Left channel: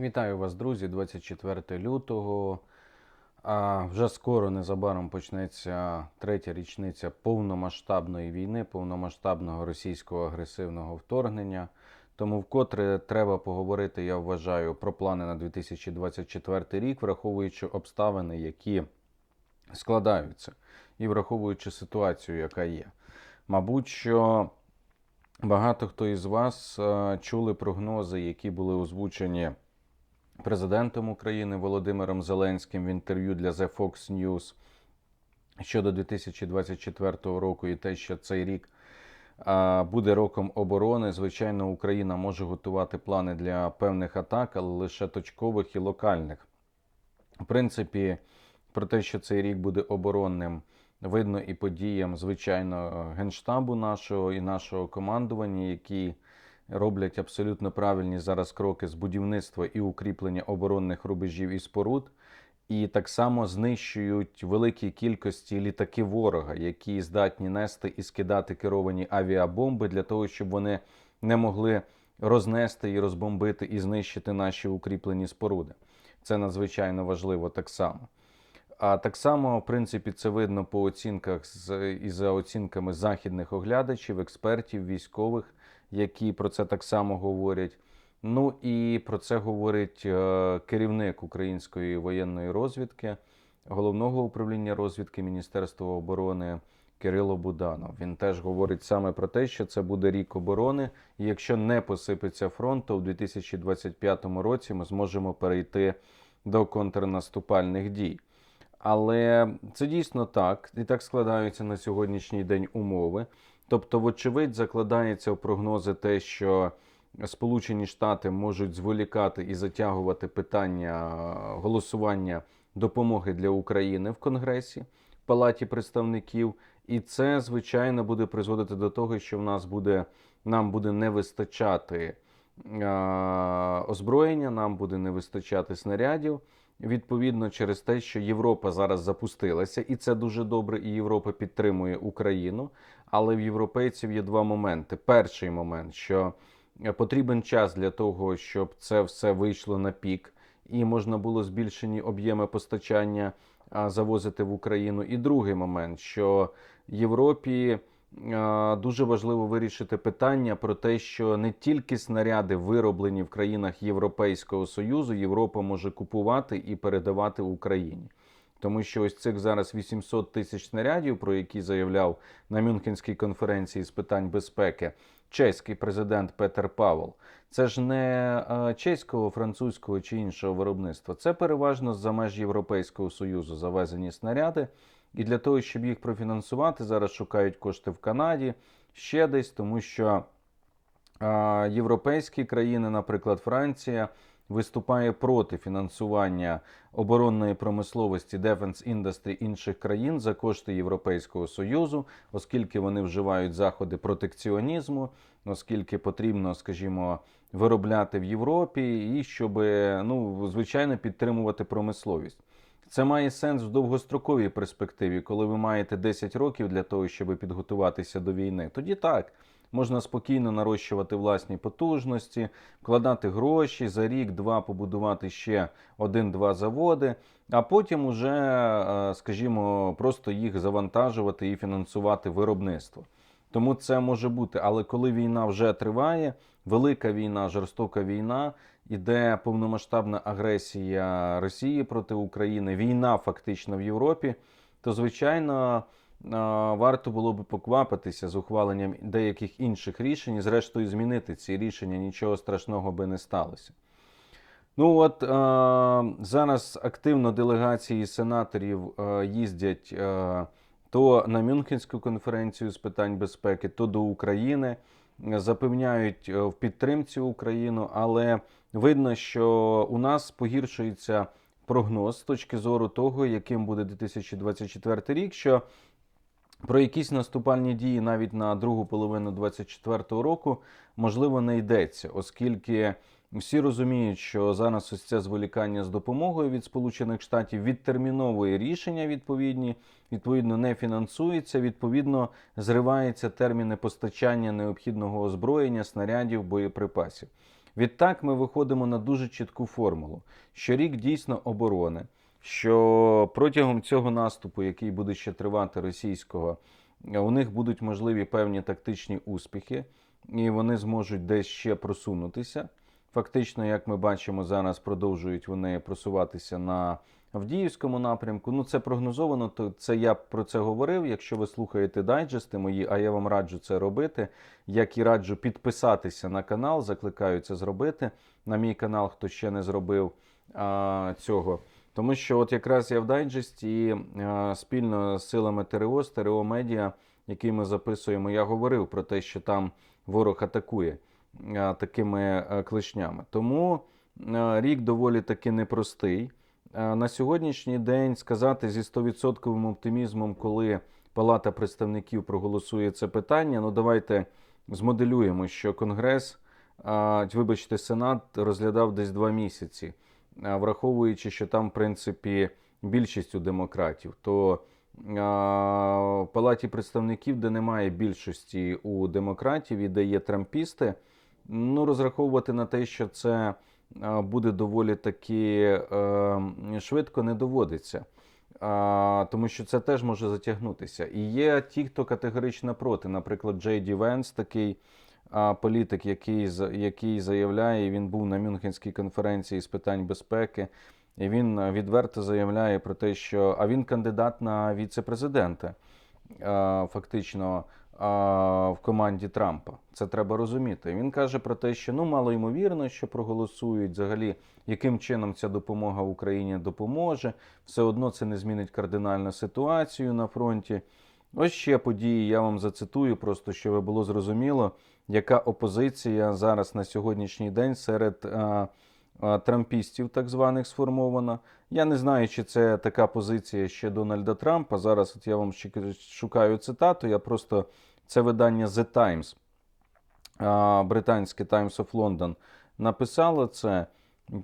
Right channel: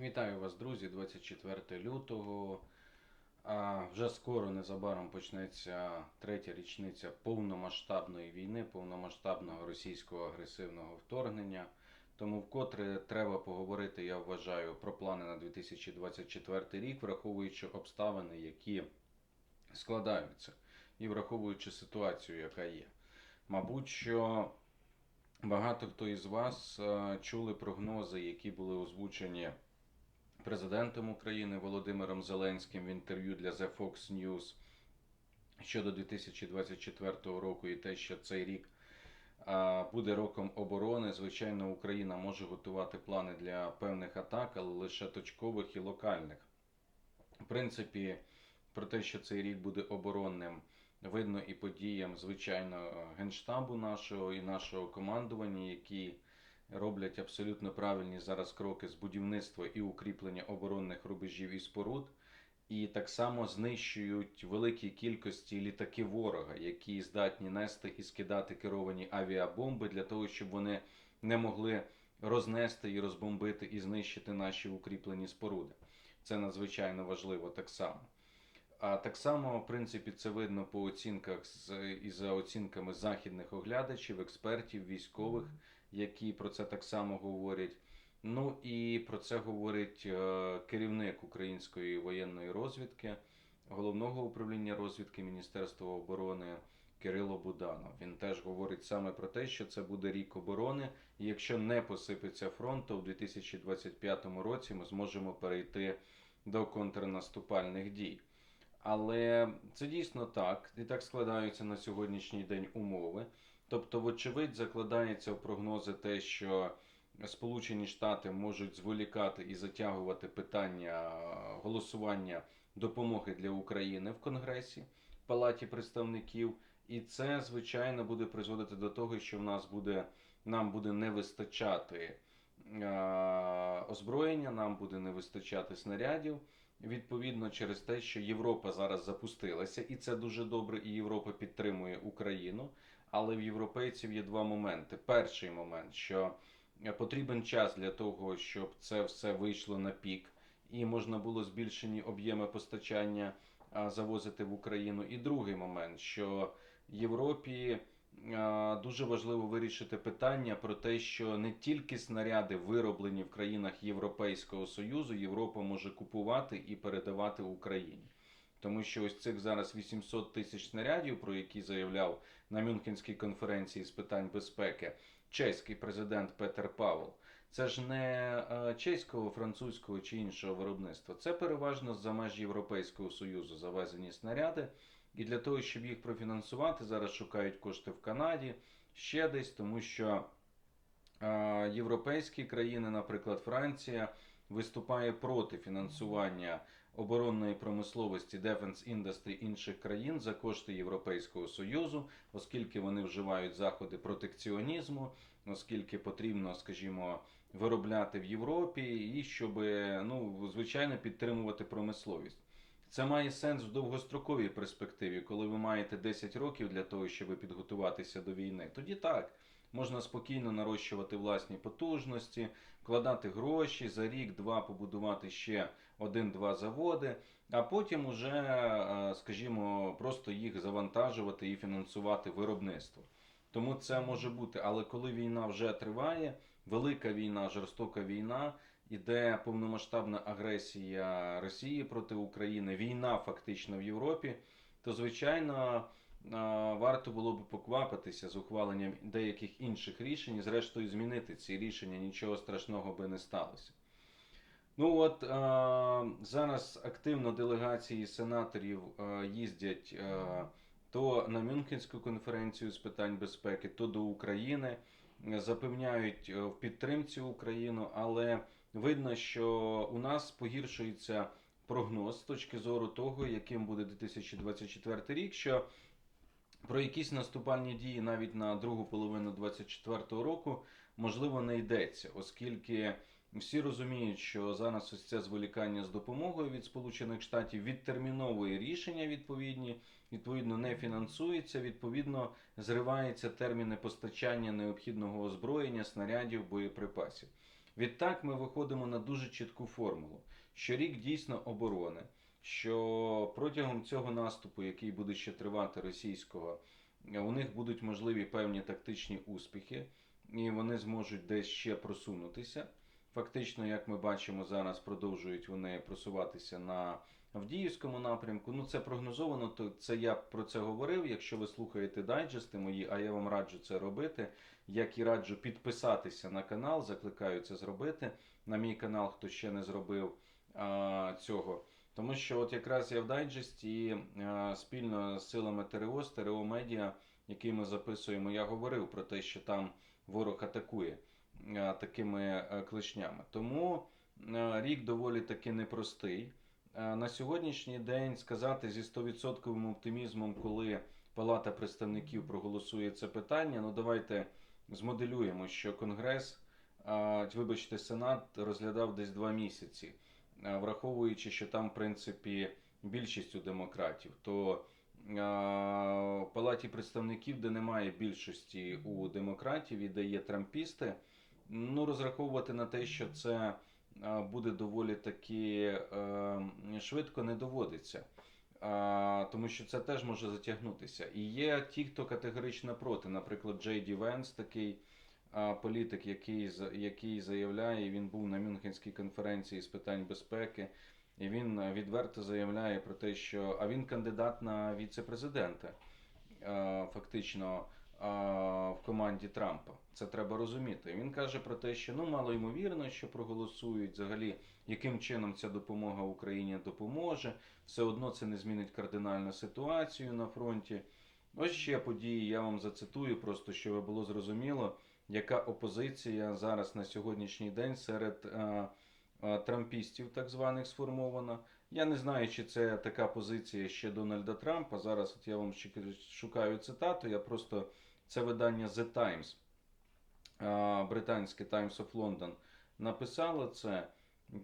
Вітаю вас, друзі, 24 лютого. А вже скоро незабаром почнеться третя річниця повномасштабної війни, повномасштабного російського агресивного вторгнення. Тому вкотре треба поговорити, я вважаю, про плани на 2024 рік, враховуючи обставини, які складаються, і враховуючи ситуацію, яка є. Мабуть, що багато хто із вас е, чули прогнози, які були озвучені президентом України Володимиром Зеленським в інтерв'ю для The Fox News щодо 2024 року і те, що цей рік буде роком оборони. Звичайно, Україна може готувати плани для певних атак, але лише точкових і локальних. В принципі, про те, що цей рік буде оборонним, видно і подіям, звичайно, генштабу нашого і нашого командування, які роблять абсолютно правильні зараз кроки з будівництва і укріплення оборонних рубежів і споруд, і так само знищують великі кількості літаки ворога, які здатні нести і скидати керовані авіабомби для того, щоб вони не могли рознести і розбомбити і знищити наші укріплені споруди. Це надзвичайно важливо так само. А так само, в принципі, це видно по оцінках з і за оцінками західних оглядачів, експертів, військових, які про це так само говорять. Ну і про це говорить е, керівник української воєнної розвідки, головного управління розвідки Міністерства оборони Кирило Буданов. Він теж говорить саме про те, що це буде рік оборони, і якщо не посипеться фронт, то в 2025 році ми зможемо перейти до контрнаступальних дій. Але це дійсно так, і так складаються на сьогоднішній день умови. Тобто, вочевидь, закладається в прогнози те, що Сполучені Штати можуть зволікати і затягувати питання голосування допомоги для України в Конгресі, в Палаті представників, і це звичайно буде призводити до того, що в нас буде нам буде не вистачати е, озброєння, нам буде не вистачати снарядів. Відповідно, через те, що Європа зараз запустилася, і це дуже добре, і Європа підтримує Україну. Але в європейців є два моменти. Перший момент, що потрібен час для того, щоб це все вийшло на пік, і можна було збільшені об'єми постачання завозити в Україну. І другий момент, що Європі дуже важливо вирішити питання про те, що не тільки снаряди вироблені в країнах Європейського Союзу, Європа може купувати і передавати Україні. Тому що ось цих зараз 800 тисяч снарядів, про які заявляв на Мюнхенській конференції з питань безпеки чеський президент Петер Павел, це ж не чеського, французького чи іншого виробництва. Це переважно за меж Європейського союзу завезені снаряди. І для того, щоб їх профінансувати, зараз шукають кошти в Канаді ще десь, тому що європейські країни, наприклад, Франція виступає проти фінансування оборонної промисловості Defense Industry інших країн за кошти Європейського союзу, оскільки вони вживають заходи протекціонізму, оскільки потрібно, скажімо, виробляти в Європі і щоб ну звичайно підтримувати промисловість. Це має сенс в довгостроковій перспективі, коли ви маєте 10 років для того, щоб підготуватися до війни. Тоді так можна спокійно нарощувати власні потужності, вкладати гроші за рік-два побудувати ще один-два заводи, а потім уже, е, скажімо, просто їх завантажувати і фінансувати виробництво. Тому це може бути. Але коли війна вже триває, велика війна, жорстока війна, іде повномасштабна агресія Росії проти України, війна фактично в Європі, то звичайно варто було би поквапитися з ухваленням деяких інших рішень, і зрештою змінити ці рішення, нічого страшного би не сталося. Ну от е, зараз активно делегації сенаторів е, їздять е, то на Мюнхенську конференцію з питань безпеки, то до України, запевняють в підтримці Україну, але видно, що у нас погіршується прогноз з точки зору того, яким буде 2024 рік. що про якісь наступальні дії навіть на другу половину 2024 року можливо не йдеться, оскільки всі розуміють, що зараз ось це зволікання з допомогою від Сполучених Штатів відтерміновує рішення відповідні, відповідно не фінансується. Відповідно, зриваються терміни постачання необхідного озброєння, снарядів, боєприпасів. Відтак ми виходимо на дуже чітку формулу, що рік дійсно оборони, що протягом цього наступу, який буде ще тривати російського, у них будуть можливі певні тактичні успіхи, і вони зможуть десь ще просунутися. Фактично, як ми бачимо, зараз продовжують вони просуватися на Авдіївському напрямку. Ну, це прогнозовано, то це я про це говорив. Якщо ви слухаєте дайджести мої, а я вам раджу це робити. Як і раджу підписатися на канал, закликаю це зробити. На мій канал, хто ще не зробив а, цього. Тому що от якраз я в дайджесті а, спільно з силами ТРО, з Медіа, який ми записуємо, я говорив про те, що там ворог атакує а, такими а, клешнями. Тому рік доволі таки непростий. На сьогоднішній день сказати зі 100% оптимізмом, коли Палата представників проголосує це питання, ну давайте змоделюємо, що Конгрес, вибачте, Сенат розглядав десь два місяці, враховуючи, що там, в принципі, більшість у демократів, то в Палаті представників, де немає більшості у демократів і де є трампісти, ну розраховувати на те, що це буде доволі таки е, швидко, не доводиться. Тому що це теж може затягнутися. І є ті, хто категорично проти. Наприклад, Джей Ді Венс, такий а, політик, який, який заявляє, він був на Мюнхенській конференції з питань безпеки, і він відверто заявляє про те, що а він кандидат на віце-президента, фактично. В команді Трампа це треба розуміти. Він каже про те, що ну мало ймовірно, що проголосують взагалі, яким чином ця допомога Україні допоможе. Все одно це не змінить кардинально ситуацію на фронті. Ось ще події. Я вам зацитую, просто щоб було зрозуміло, яка опозиція зараз на сьогоднішній день серед а, а, трампістів, так званих, сформована. Я не знаю, чи це така позиція ще Дональда Трампа. Зараз от я вам шукаю цитату. Я просто це видання The Times, а, британське Times of London, написало це,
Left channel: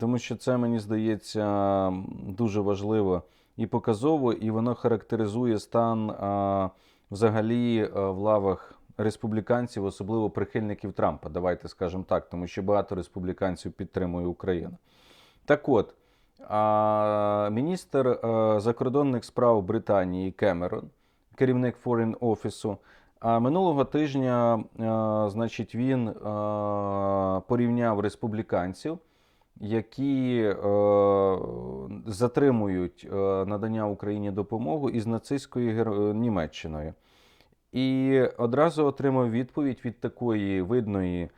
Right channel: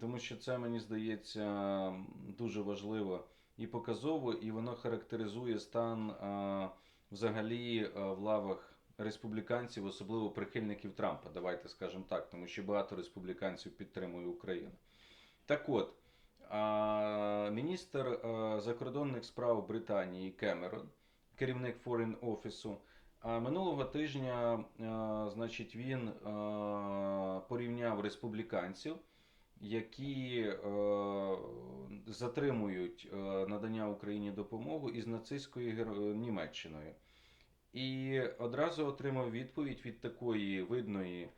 тому що це мені здається дуже важливо і показово, і воно характеризує стан а, взагалі в лавах республіканців, особливо прихильників Трампа. Давайте скажемо так, тому що багато республіканців підтримує Україну. Так от, міністр а, закордонних справ Британії Кемерон, керівник Foreign Office, а минулого тижня, а, значить, він а, порівняв республіканців, які е, затримують е, надання Україні допомогу із нацистською Німеччиною. І одразу отримав відповідь від такої видної,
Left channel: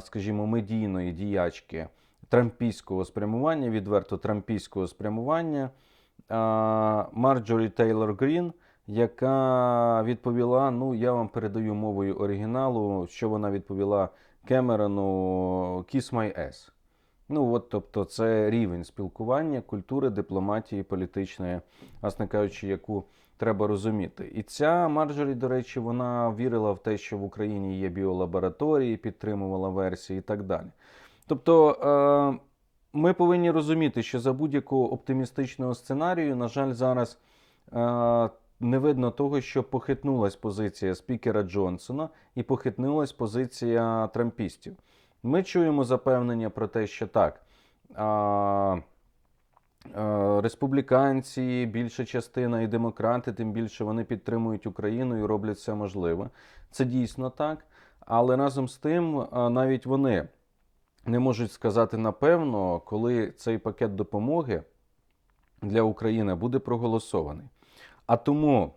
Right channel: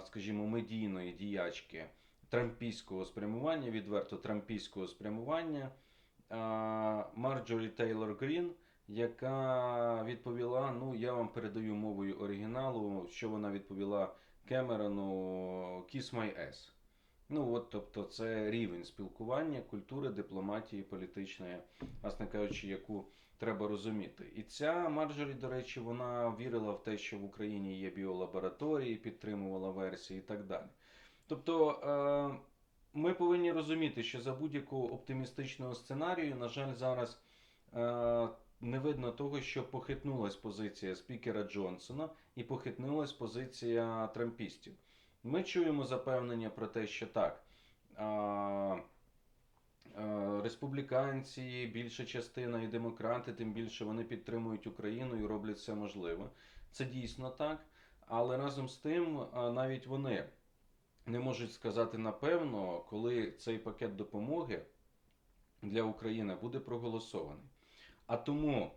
скажімо, медійної діячки трампійського спрямування, відверто трампійського спрямування Марджорі Тейлор Грін, яка відповіла: ну, я вам передаю мовою оригіналу, що вона відповіла Кемерону Kiss my ass. Ну, от, тобто, це рівень спілкування, культури, дипломатії, політичної, власне кажучи, яку треба розуміти. І ця Марджорі, до речі, вона вірила в те, що в Україні є біолабораторії, підтримувала версії і так далі. Тобто, е, ми повинні розуміти, що за будь-якого оптимістичного сценарію, на жаль, зараз е, не видно того, що похитнулась позиція спікера Джонсона і похитнулась позиція трампістів. Ми чуємо запевнення про те, що так. А, Республіканці, більша частина і демократи, тим більше вони підтримують Україну і роблять все можливе. Це дійсно так. Але разом з тим, навіть вони не можуть сказати напевно, коли цей пакет допомоги для України буде проголосований. А тому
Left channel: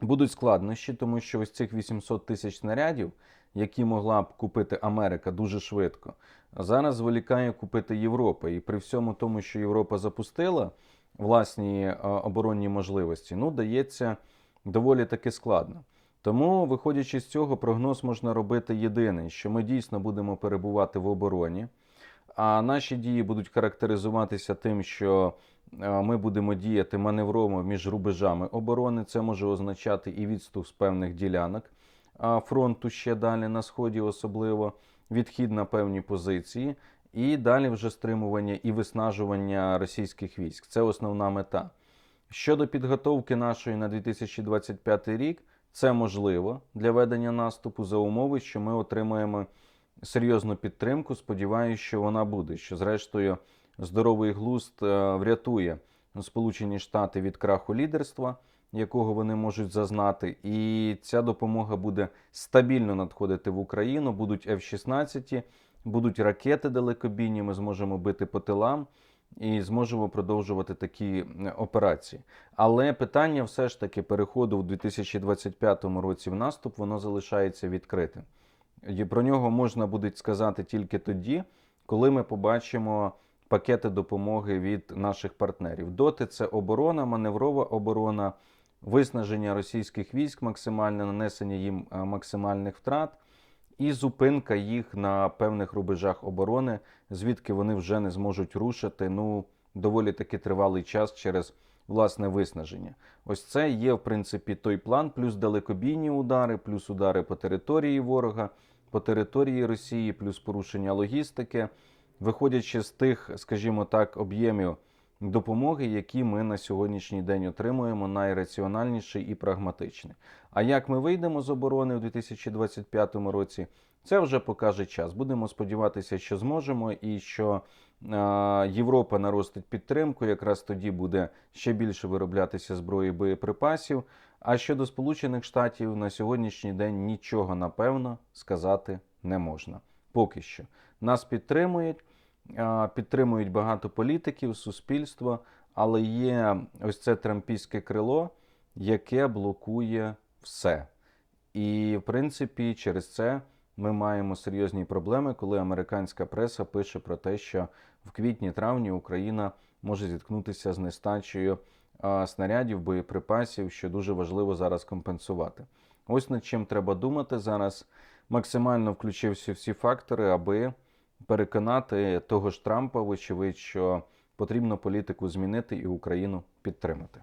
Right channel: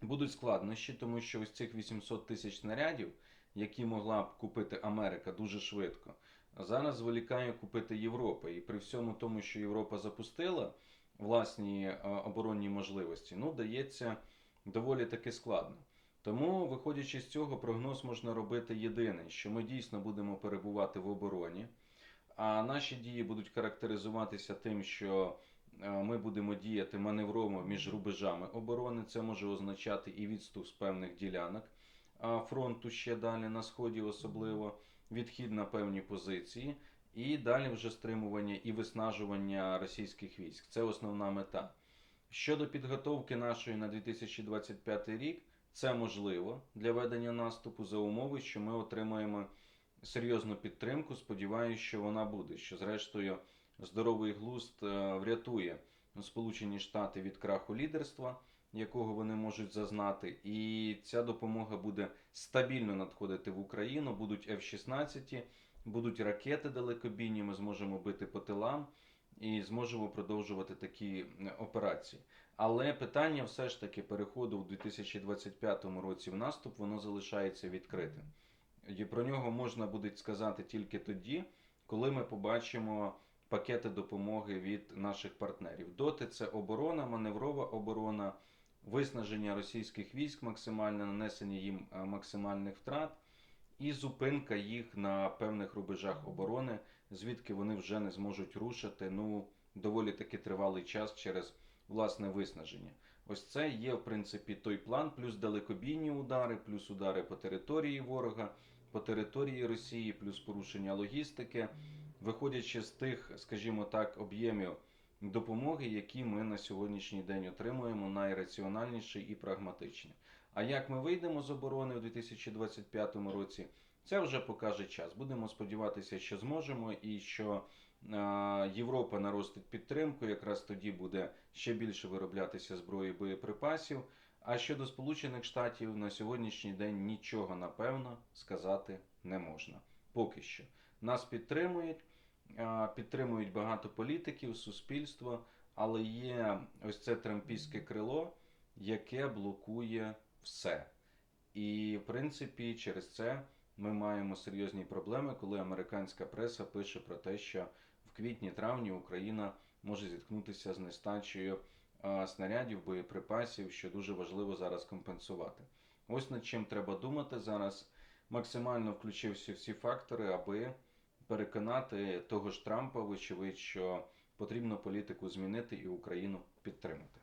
будуть складнощі, тому що ось цих 800 тисяч снарядів, які могла б купити Америка дуже швидко, зараз зволікає купити Європа. І при всьому тому, що Європа запустила власні е, оборонні можливості, ну дається доволі таки складно. Тому, виходячи з цього, прогноз можна робити єдиний, що ми дійсно будемо перебувати в обороні, а наші дії будуть характеризуватися тим, що е, ми будемо діяти маневрово між рубежами оборони. Це може означати і відступ з певних ділянок фронту ще далі на сході, особливо відхід на певні позиції, і далі вже стримування і виснажування російських військ. Це основна мета. Щодо підготовки нашої на 2025 рік, це можливо для ведення наступу за умови, що ми отримаємо серйозну підтримку. Сподіваюся, що вона буде. Що, зрештою, здоровий глузд е, врятує Сполучені Штати від краху лідерства, якого вони можуть зазнати, і ця допомога буде стабільно надходити в Україну. Будуть F-16, будуть ракети далекобійні. Ми зможемо бити по тилам і зможемо продовжувати такі е, операції. Але питання все ж таки переходу в 2025 році в наступ воно залишається відкритим. І про нього можна буде сказати тільки тоді, коли ми побачимо пакети допомоги від наших партнерів. Доти це оборона, маневрова оборона, виснаження російських військ, максимальне нанесення їм е, максимальних втрат і зупинка їх на певних рубежах оборони, звідки вони вже не зможуть рушити. Ну доволі таки тривалий час через власне виснаження. Ось це є в принципі той план, плюс далекобійні удари, плюс удари по території ворога, по території Росії, плюс порушення логістики, виходячи з тих, скажімо так, об'ємів допомоги, які ми на сьогоднішній день отримуємо, найраціональніший і прагматичний. А як ми вийдемо з оборони у 2025 році, це вже покаже час. Будемо сподіватися, що зможемо, і що е, Європа наростить підтримку. Якраз тоді буде ще більше вироблятися зброї боєприпасів. А щодо Сполучених Штатів на сьогоднішній день нічого напевно сказати не можна. Поки що нас підтримують, підтримують багато політиків, суспільство, але є ось це трампійське крило, яке блокує все. І, в принципі, через це ми маємо серйозні проблеми, коли американська преса пише про те, що в квітні-травні Україна може зіткнутися з нестачею снарядів, боєприпасів, що дуже важливо зараз компенсувати. Ось над чим треба думати зараз. Максимально включився всі фактори, аби переконати того ж Трампа, вочевидь, що потрібно політику змінити і Україну підтримати.